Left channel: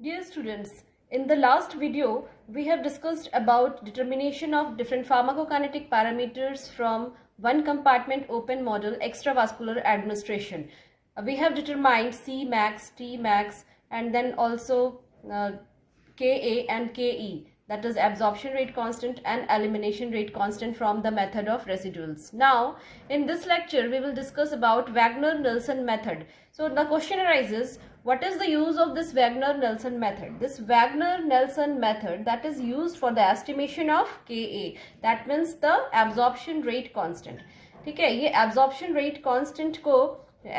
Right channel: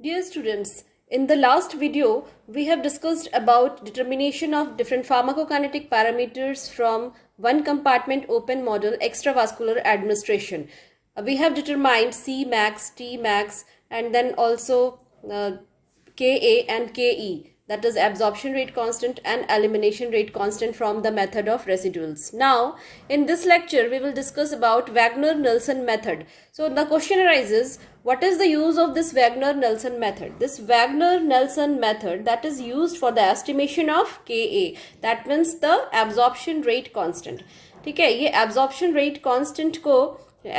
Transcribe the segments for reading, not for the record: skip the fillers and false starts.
Dear students, in the last video, we have discussed about determination of different pharmacokinetic parameters from one compartment open model extravascular administration. We have determined C max, T max, and then also Ka and Ke, that is absorption rate constant and elimination rate constant from the method of residuals. Now, in this lecture, we will discuss about Wagner-Nelson method. So the question arises, what is the use of this Wagner-Nelson method? This Wagner-Nelson method that is used for the estimation of Ka, that means the absorption rate constant. ठीक है, ये absorption rate constant को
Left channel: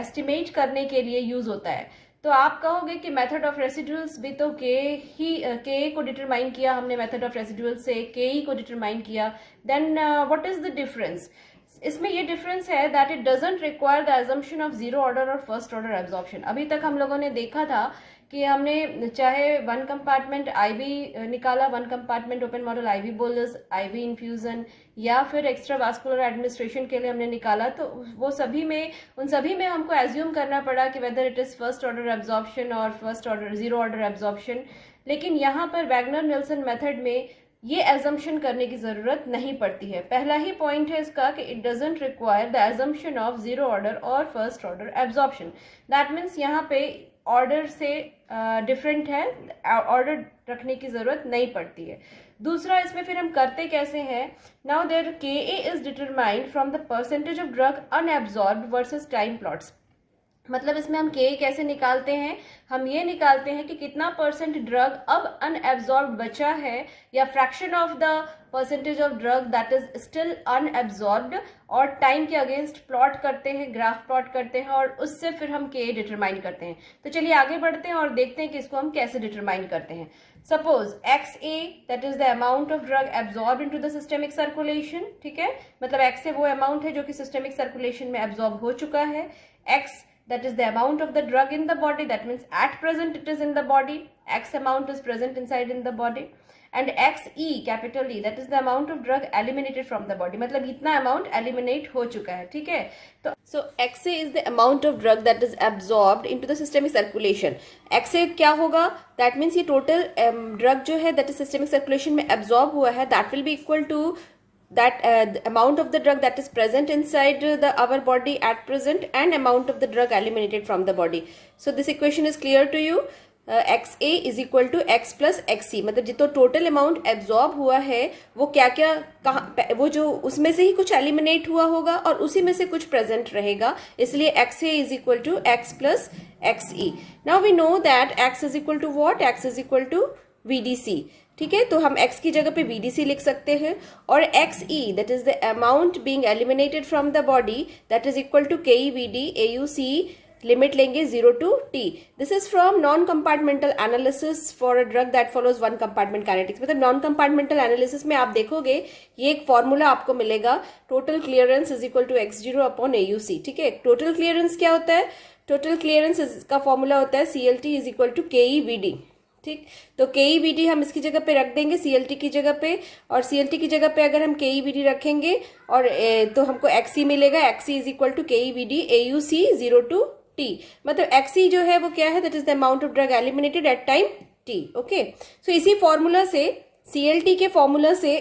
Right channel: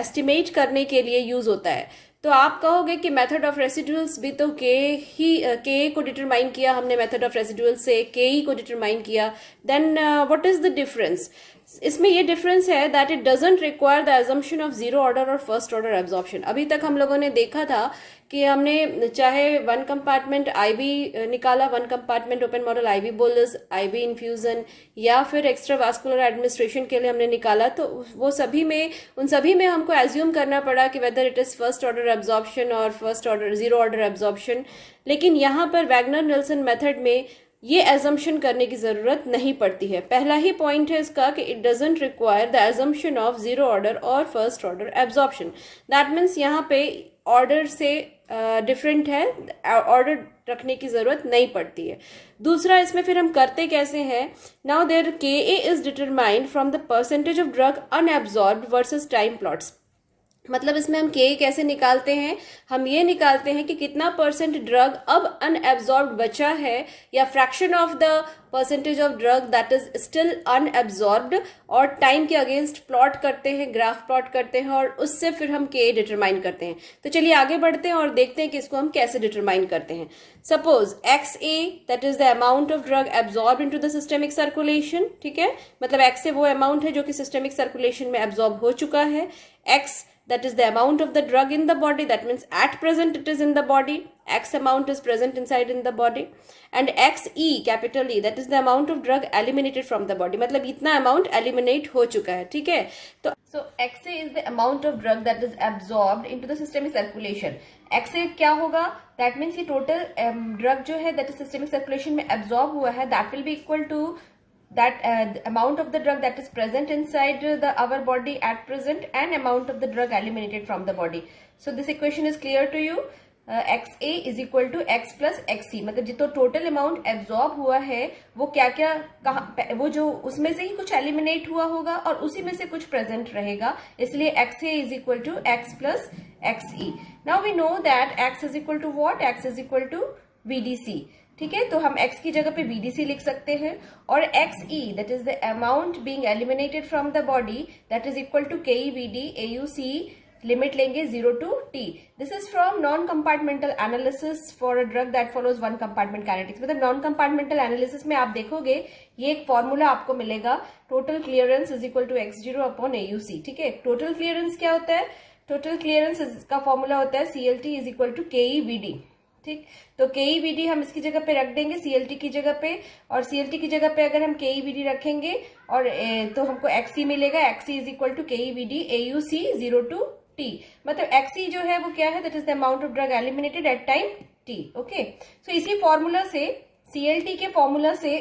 estimate करने के लिए use होता है. तो आप कहोगे कि मेथड ऑफ रेसिडुअल्स भी तो के को डिटरमाइन किया हमने, मेथड ऑफ रेसिडुअल्स से के ई को डिटरमाइन किया. Then what is the difference? इसमें ये डिफरेंस है that it doesn't require the assumption of zero order और फर्स्ट ऑर्डर एब्जॉर्प्शन. अभी तक हम लोगों ने देखा था कि हमने चाहे वन कंपार्टमेंट आईवी निकाला, one compartment open model IV bolus, IV infusion या फिर एक्स्ट्रावास्कुलर एडमिनिस्ट्रेशन के लिए हमने निकाला, तो वो सभी में उन सभी में हमको एज्यूम करना पड़ा कि whether it is first order absorption और first order zero order absorption. लेकिन यहाँ पर वैगनर-नेल्सन मेथड में ये एजम्पशन करने की ज़रूरत नहीं पड़ती है. पहला ही पॉइंट है इसका कि it doesn't require the assumption of zero order और first order absorption. That means यहाँ पे ऑर्डर से डिफरेंट है, ऑर्डर रखने की ज़रूरत नहीं पड़ती है. दूसरा, इसमें फिर हम करते कैसे हैं? नाउ देयर के A is determined from the percentage of drug unabsorbed versus time plots. मतलब इसमें हम के कैसे निकालते हैं? हम ये निकालते हैं कि कितना परसेंट ड्रग अब अनएब्जॉर्ब बचा है, या fraction of the percentage of drug that is still unabsorbed, और टाइम के अगेंस्ट प्लॉट करते हैं, ग्राफ प्लॉट करते हैं, और उससे फिर हम के डिटरमाइन करते हैं. तो चलिए आगे बढ़ते हैं और देखते हैं कि इसको हम कैसे डिटरमाइन करते हैं. Suppose x A that is the amount of drug absorb into the systemic circulation. ठीक है, मतलब एक्स ए वो अमाउंट है जो कि सिस्टेमिक सर्कुलेशन में एब्जॉर्ब हो चुका है. X that is the amount of the drug in the body, that means at present it is in the body, x amount is present inside in the body. And xe, capital E, that is the amount of drug eliminated from the body, मतलब इतना amount eliminate हो चुका है. ठीक है, तो so xa is the amount of drug that is absorbed into the systemic circulation. xa क्या होगा? that means ये total drug जो है that is systemic circulation में absorb हुआ है, that will be equal to that the amount of the drug that is present inside our body at present and amount of the drug eliminated from the body. So this equation is clear to you. XA is equal to X plus XC. मतलब जितना total amount absorb हुआ है वो क्या क्या कहाँ, वो जो उसमें से ही कुछ एलिमिनेट हुआ होगा और उसी में से कुछ प्रेजेंट रहेगा, इसलिए XA is equal to X plus XE. Now we know that X is equal to what? X is equal to VDC. ठीक है, तो हम x की जगह पे VDC लिख सकते हैं, और XE that is the amount being eliminated from the body that is equal to KEVD AUC, limit लेंगे 0 to T. This is from non compartmental analysis for a drug that follows one compartment kinetics. मतलब non compartmental analysis में आप देखोगे ये एक formula आपको मिलेगा, total clearance is equal to X0 upon AUC. ठीक है, टोटल क्लियरेंस क्या होता है? टोटल क्लियरेंस का फॉर्मूला होता है CLT is equal to KEVD. ठीक, तो KEVD हम इसकी जगह पे रख देंगे CLT की जगह पे, और CLT की जगह पे अगर हम KEVD रखेंगे और तो हमको XE मिलेगा. XE is equal to KEVD AUC 0 to T. मतलब XE जो है वो क्या है? That is the amount of drug eliminated at time T. Okay, so इसी फॉर्मूला से, CLT के फॉर्मूला से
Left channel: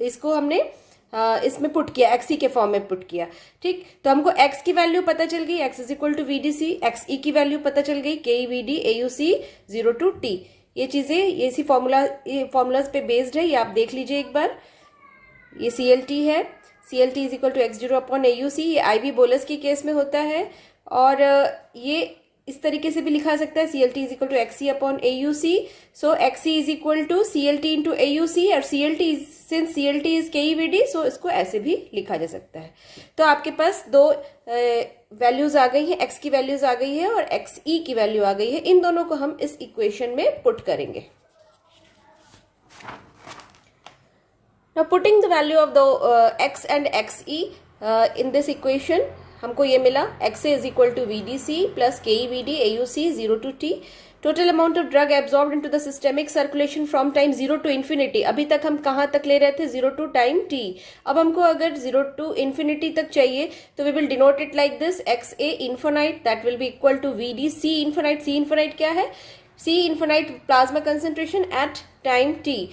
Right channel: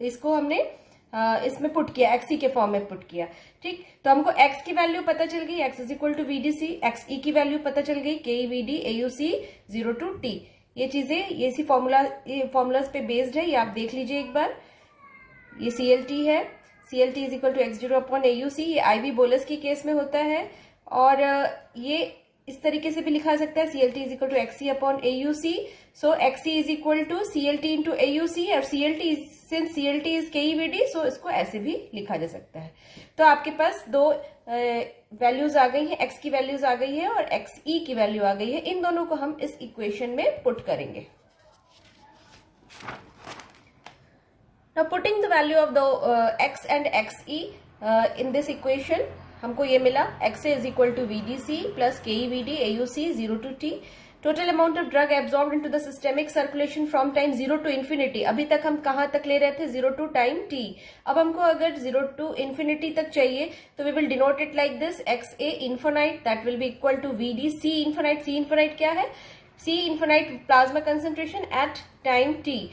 इसको हमने इसमें पुट किया, XE के फॉर्म में पुट किया. ठीक, तो हमको x की वैल्यू पता चल गई, x is equal to VDC. XE की वैल्यू पता चल गई, KEVD AUC 0 to T. ये चीज़ें ये इसी फॉर्मूलाज पे बेस्ड है, ये आप देख लीजिए एक बार. ये CLT है, CLT is equal to X0 upon AUC. ये IV बोलस की केस में होता है, और ये इस तरीके से भी लिखा सकता है, CLT is equal to XE upon AUC. So XE is equal to CLT into AUC, और since CLT is KEVD, so इसको ऐसे भी लिखा जा सकता है. तो आपके पास दो वैल्यूज आ गई है, x की वैल्यूज आ गई है और XE की वैल्यू आ गई है. इन दोनों को हम इस इक्वेशन में पुट करेंगे. Now putting the value of the x and XE in this equation, हमको ये मिला XA is equal to VDC plus KEVD AUC 0 to T. Total amount of drug absorbed into the systemic circulation from time 0 to infinity. अभी तक हम कहाँ तक ले रहे थे? 0 to टाइम T. अब हमको अगर 0 to इन्फिनिटी तक चाहिए तो we will denote it like this, XA infinite that will be equal to VDC infinite. C infinite क्या है? C infinite plasma concentration at time t,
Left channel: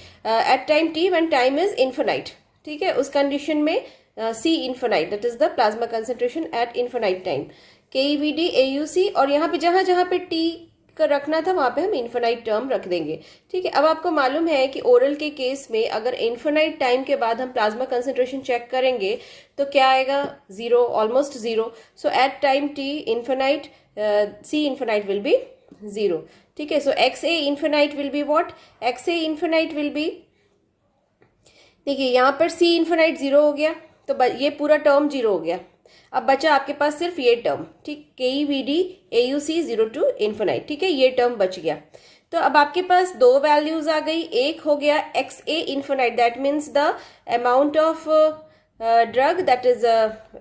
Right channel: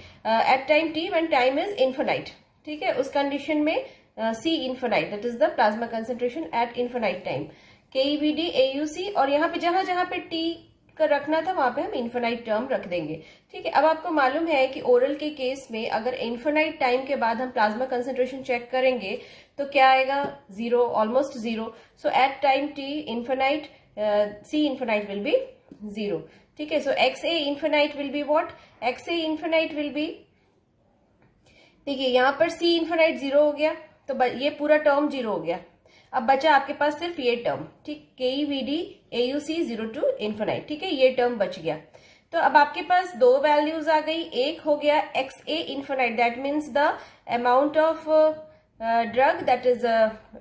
when time is infinite. ठीक है, उस कंडीशन में C infinite, that is the plasma concentration at infinite time, KEVD AUC, और यहाँ पे जहाँ जहाँ पे T का रखना था वहाँ पे हम इन्फिनाइट टर्म रख देंगे. ठीक है, अब आपको मालूम है कि ओरल के केस में अगर इन्फिनाइट टाइम के बाद हम प्लाज्मा कंसंट्रेशन चेक करेंगे तो क्या आएगा, zero, almost zero. So at time T infinite, C infinite will be zero. ठीक है, so X A infinite will be what, X A infinite will be, देखिए यहाँ पर सी इन्फिनाइट जीरो हो गया तो ये पूरा टर्म जीरो हो गया. अब बचा आपके पास सिर्फ ये टर्म, ठीक, KEVD AUC zero to infinite. ठीक है, ये टर्म बच गया. तो अब आपके पास दो वैल्यूज आ गई. एक हो गया X A infinite, that means the amount of drug that is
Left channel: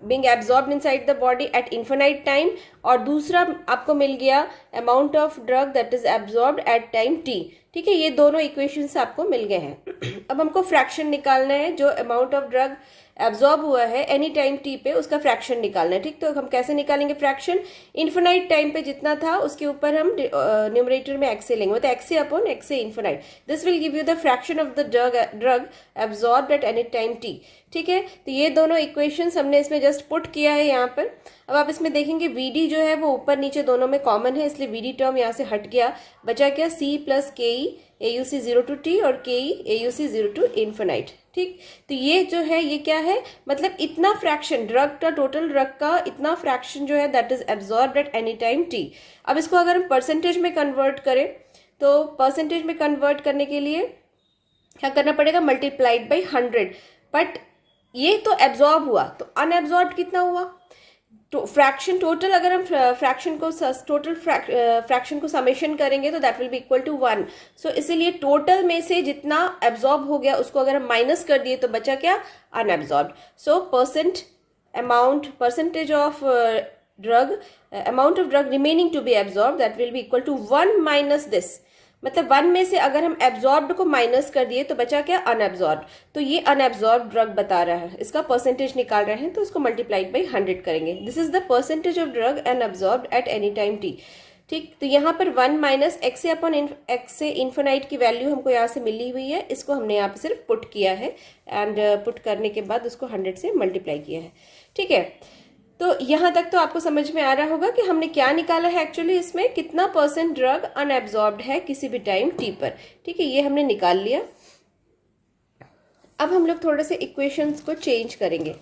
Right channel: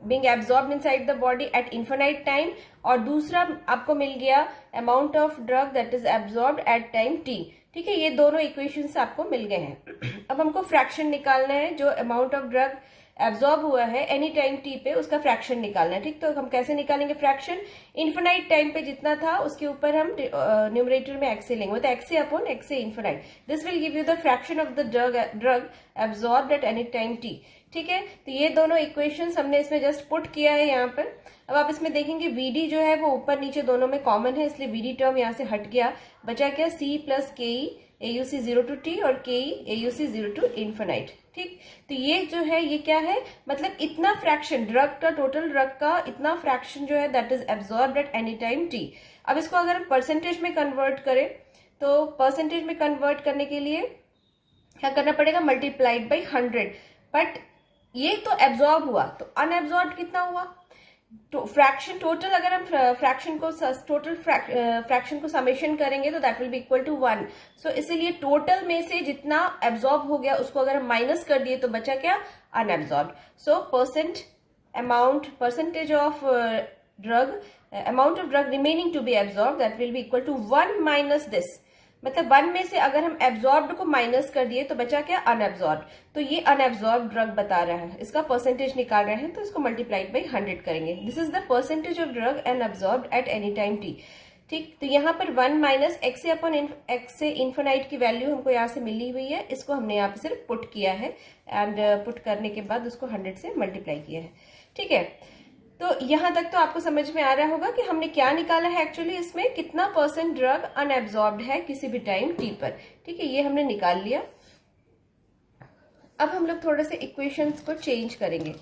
being absorbed inside the body at infinite time, और दूसरा आपको मिल गया amount of drug that is absorbed at time T. ठीक है, ये दोनों इक्वेशंस आपको मिल गए हैं. अब हमको फ्रैक्शन निकालना है, जो अमाउंट ऑफ ड्रग एब्जॉर्ब हुआ है एनी टाइम टी पे उसका फ्रैक्शन निकालना है. ठीक, तो हम कैसे निकालेंगे फ्रैक्शन, इन्फिनाइट टाइम पे जितना था उसके ऊपर हम न्यूमरेटर में एक्स ए लेंगे, मतलब x A upon X A infinite. This will give you the fraction of the drug absorbed at any time T. ठीक है, तो ये दोनों इक्वेशंस हमने इसमें जस्ट पुट किया है यहाँ पर. अब आप इसमें देखेंगे VD जो है वो ऊपर नीचे दोनों में कॉमन है, इसलिए VD टर्म यहाँ से हट गया. बचा क्या, C plus KE AUC zero to T और KE AUC zero to infinite. ठीक, तो ये जो है ये क्या है, मतलब इतना फ्रैक्शन ड्रग का, टोटल ड्रग का इतना फ्रैक्शन जो है that is absorbed at any time T. अब इसको अगर हम परसेंटेज में कन्वर्ट करें तो परसेंटेज में कन्वर्ट करने के लिए क्या करना पड़ेगा, मल्टीप्लाइड बाई 100. बट ये तो एब्जॉर्ब हुआ, तो अनएब्जॉर्ब कितना हुआ, तो फ्रैक्शन टोटल, अगर हम फ्रैक्शन को टोटल फ्रैक्शन को समेशन करेंगे तो that will be equal to 1. So इसीलिए टोटल में से जितना एब्जॉर्ब हो गया उसको अगर हम माइनस कर दिए तो बचा क्या, unabsorb. So percentage of drug, amount of drug remaining to be absorb that will be equal to 1 minus this. मतलब 1 में से अगर हम एब्जॉर्ब्ड को माइनस कर दिए तो बचा क्या, अनएब्जॉर्ब. तो ये अनएब्जॉर्ब ड्रग बता रहा है, इसका परसेंटेज निकाल रहे हैं तो इसको मल्टीप्लाइड बाई 100 करेंगे. This is the percentage of drug unabsorbed at any time T. ठीक, तो यहाँ पर 1 minus X A upon x से इन्फिनाइट की वैल्यू हमको यहाँ से मिली हुई है, इसको हमने यहाँ पे सिर्फ पुट किया है एंड पुट करने के बाद उसको 100 से मल्टीप्लाई किया है. ठीक है, तो यहाँ तक तो आपको समझ में आ रहा होगा कि हमने क्या निकाला है एक्चुअली, इसमें कितना परसेंट ड्रग अनएब्जॉर्ब्ड है किसी भी टाइम टी पर. ठीक है, ये हमने निकाल लिया. अब हम लोग थोड़े से इक्वेशंस को चेंज करेंगे.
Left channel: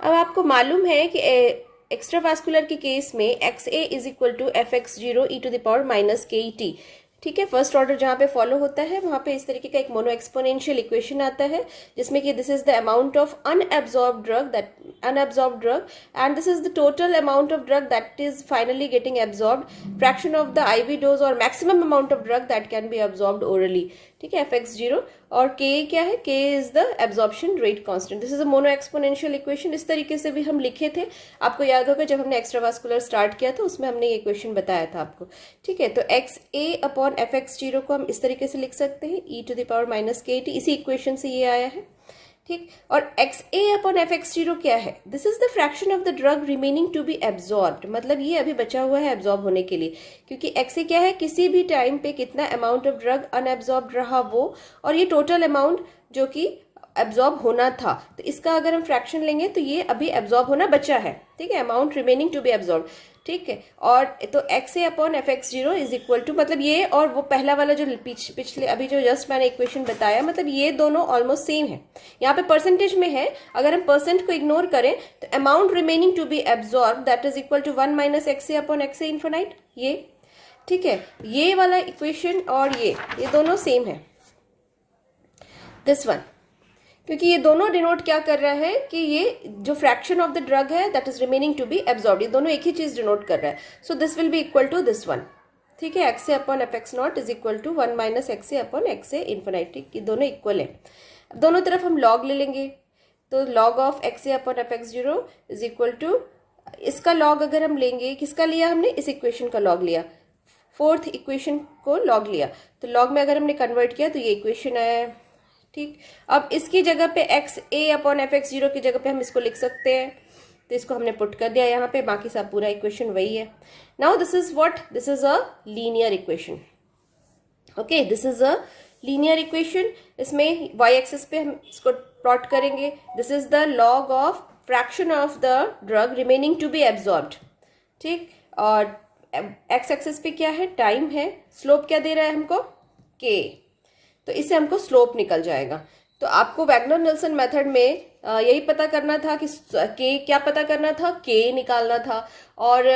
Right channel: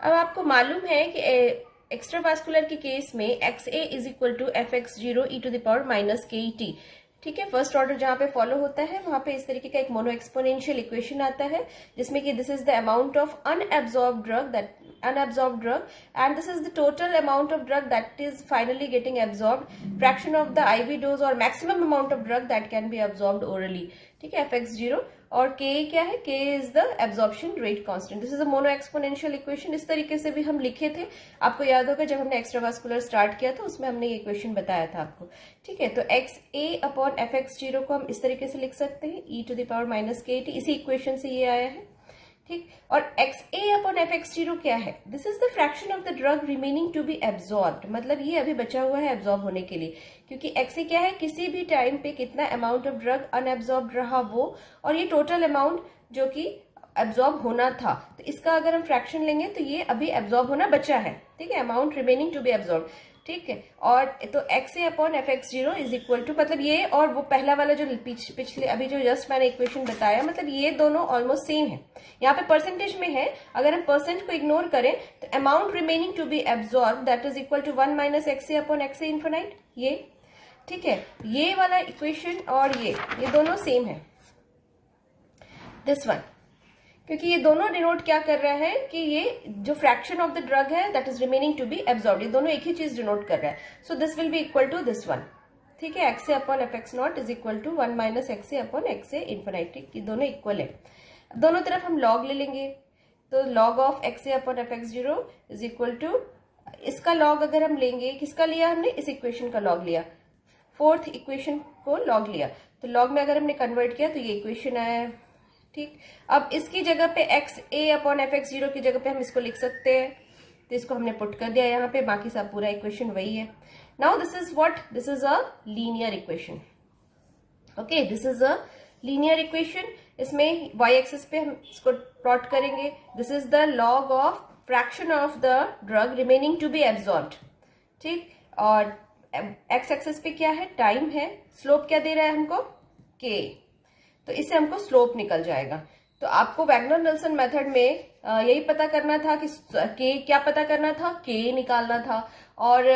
अब आपको मालूम है कि एक्स्ट्रावास्कुलर के केस में X A is equal to F X zero E to the power minus K E T. ठीक है, फर्स्ट ऑर्डर जहाँ पे फॉलो होता है वहाँ पे इस तरीके का एक मोनो एक्सपोनेंशियल इक्वेशन आता है जिसमें कि this is the amount of unabsorbed drug and this is the total amount of drug that is finally getting absorbed, fraction of the IV dose और maximum amount of drug that can be absorbed orally. ठीक है, F X zero, और के क्या है, के is the absorption rate constant. This is a mono exponential equation. इस तरीके से भी हम लिखे थे, आपको याद होगा जब हमने एक्स्ट्रावास्कुलर स्टार्ट किया था उसमें हमने ये इक्वेशन बताया था आपको. ठीक है, तो X A upon F X zero को हम इस तरीके से लिख सकते हैं, E to the power minus K T. इसी इक्वेशन से ये आया है. ठीक, और X A upon F X zero क्या है, this is the fraction of the drug remaining to be absorbed. मतलब ये अभी बचा हुआ है एब्जॉर्ब होने के लिए, क्योंकि एक्स ए क्या है, किसी भी टाइम पे कितना अमाउंट ऑफ ड्रग अनएब्जॉर्ब रहा वो, और ये टोटल अमाउंट जो कि एब्जॉर्ब होना था. तो इसका अगर हम फ्रैक्शन लेंगे तो ये अभी एब्जॉर्ब होना बचा है. ठीक है, amount remaining to be absorb. ठीक है, और तो X A upon F X zero is equal to, मतलब ये और वो पहला वाला जो पिछले अभी जो जस्ट मैंने इक्वेशन बताया, मतलब ये दोनों ऑलमोस्ट सेम है. यहाँ पे परसेंटेज में है, अगर हम परसेंट को इग्नोर करें तो amount remaining to be absorb that is equal to 1 minus X A upon X A infinite. ये ठीक है, ये वाला इक्वेशन और ये दोनों सेम है. दिस वन, क्योंकि ये दोनों डिनोट क्या कर रहा है कि ये जो फ्रैक्शन ऑफ द ड्रग है that is remaining to be absorb, ये दोनों एक ही चीज डिनोट कर रहा है. So this will be equal to this one. ठीक है, X A upon F X not is equal to 1 minus X A upon X A infinite. ठीक, ये दोनों इक्वल है. दोनों तरफ हम लॉग ले लेंगे, तो log of X A upon F X zero is equal to, इसका लॉग अगर हम लेंगे, किसका लिया हमने, इस इक्वेशन का लॉग लिया, फोर्थ इक्वेशन को लॉग लिया, तो लॉग में अगर हमने कन्वर्ट किया तो ये इक्वेशन आया. ठीक, अब इसकी जगह पे x A upon F X zero की जगह पे हम इसको लिख सकते हैं तो इसको हमने पुट कर दिया यहाँ पे, बाकी सब पूरा इक्वेशन वही है. Now this is what, this is a linear equation. Okay, this is a linear equation. इसमें y एक्सिस पे हम इसको प्लॉट करेंगे. This is the log of fraction of the drug remaining to be absorbed. ठीक, और x axis पे क्या है, टाइम है. स्लोप क्या दे रहा है हमको, k. तो इससे हमको स्लोप निकल जाएगा. तो आपको वैगनर नेल्सन मेथड में यही पता करना था कि k क्या पता करना था, k निकालना था. और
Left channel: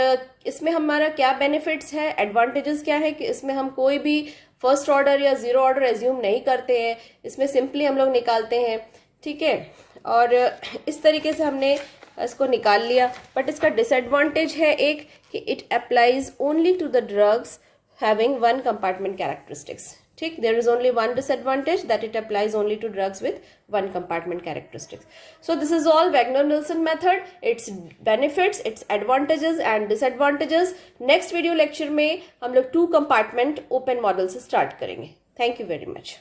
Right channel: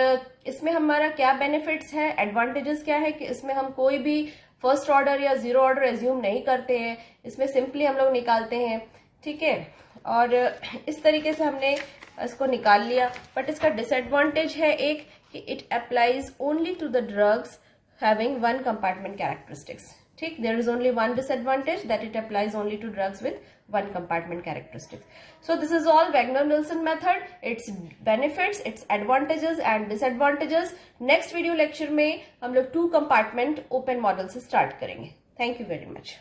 इसमें हमारा क्या बेनिफिट्स है, एडवांटेजेस क्या है कि इसमें हम कोई भी फर्स्ट ऑर्डर या जीरो ऑर्डर एज्यूम नहीं करते हैं. इसमें सिंपली हम लोग निकालते हैं. ठीक है, और इस तरीके से हमने इसको निकाल लिया. बट इसका डिसएडवांटेज है एक कि it applies only to the drugs having one compartment characteristics. ठीक, there is only one disadvantage, that it applies only to drugs with one compartment characteristics. So this is all Wagner-Nelson method, its benefits, its advantages and disadvantages. Next video lecture में हम लोग 2 compartment open model से start करेंगे. Thank you very much.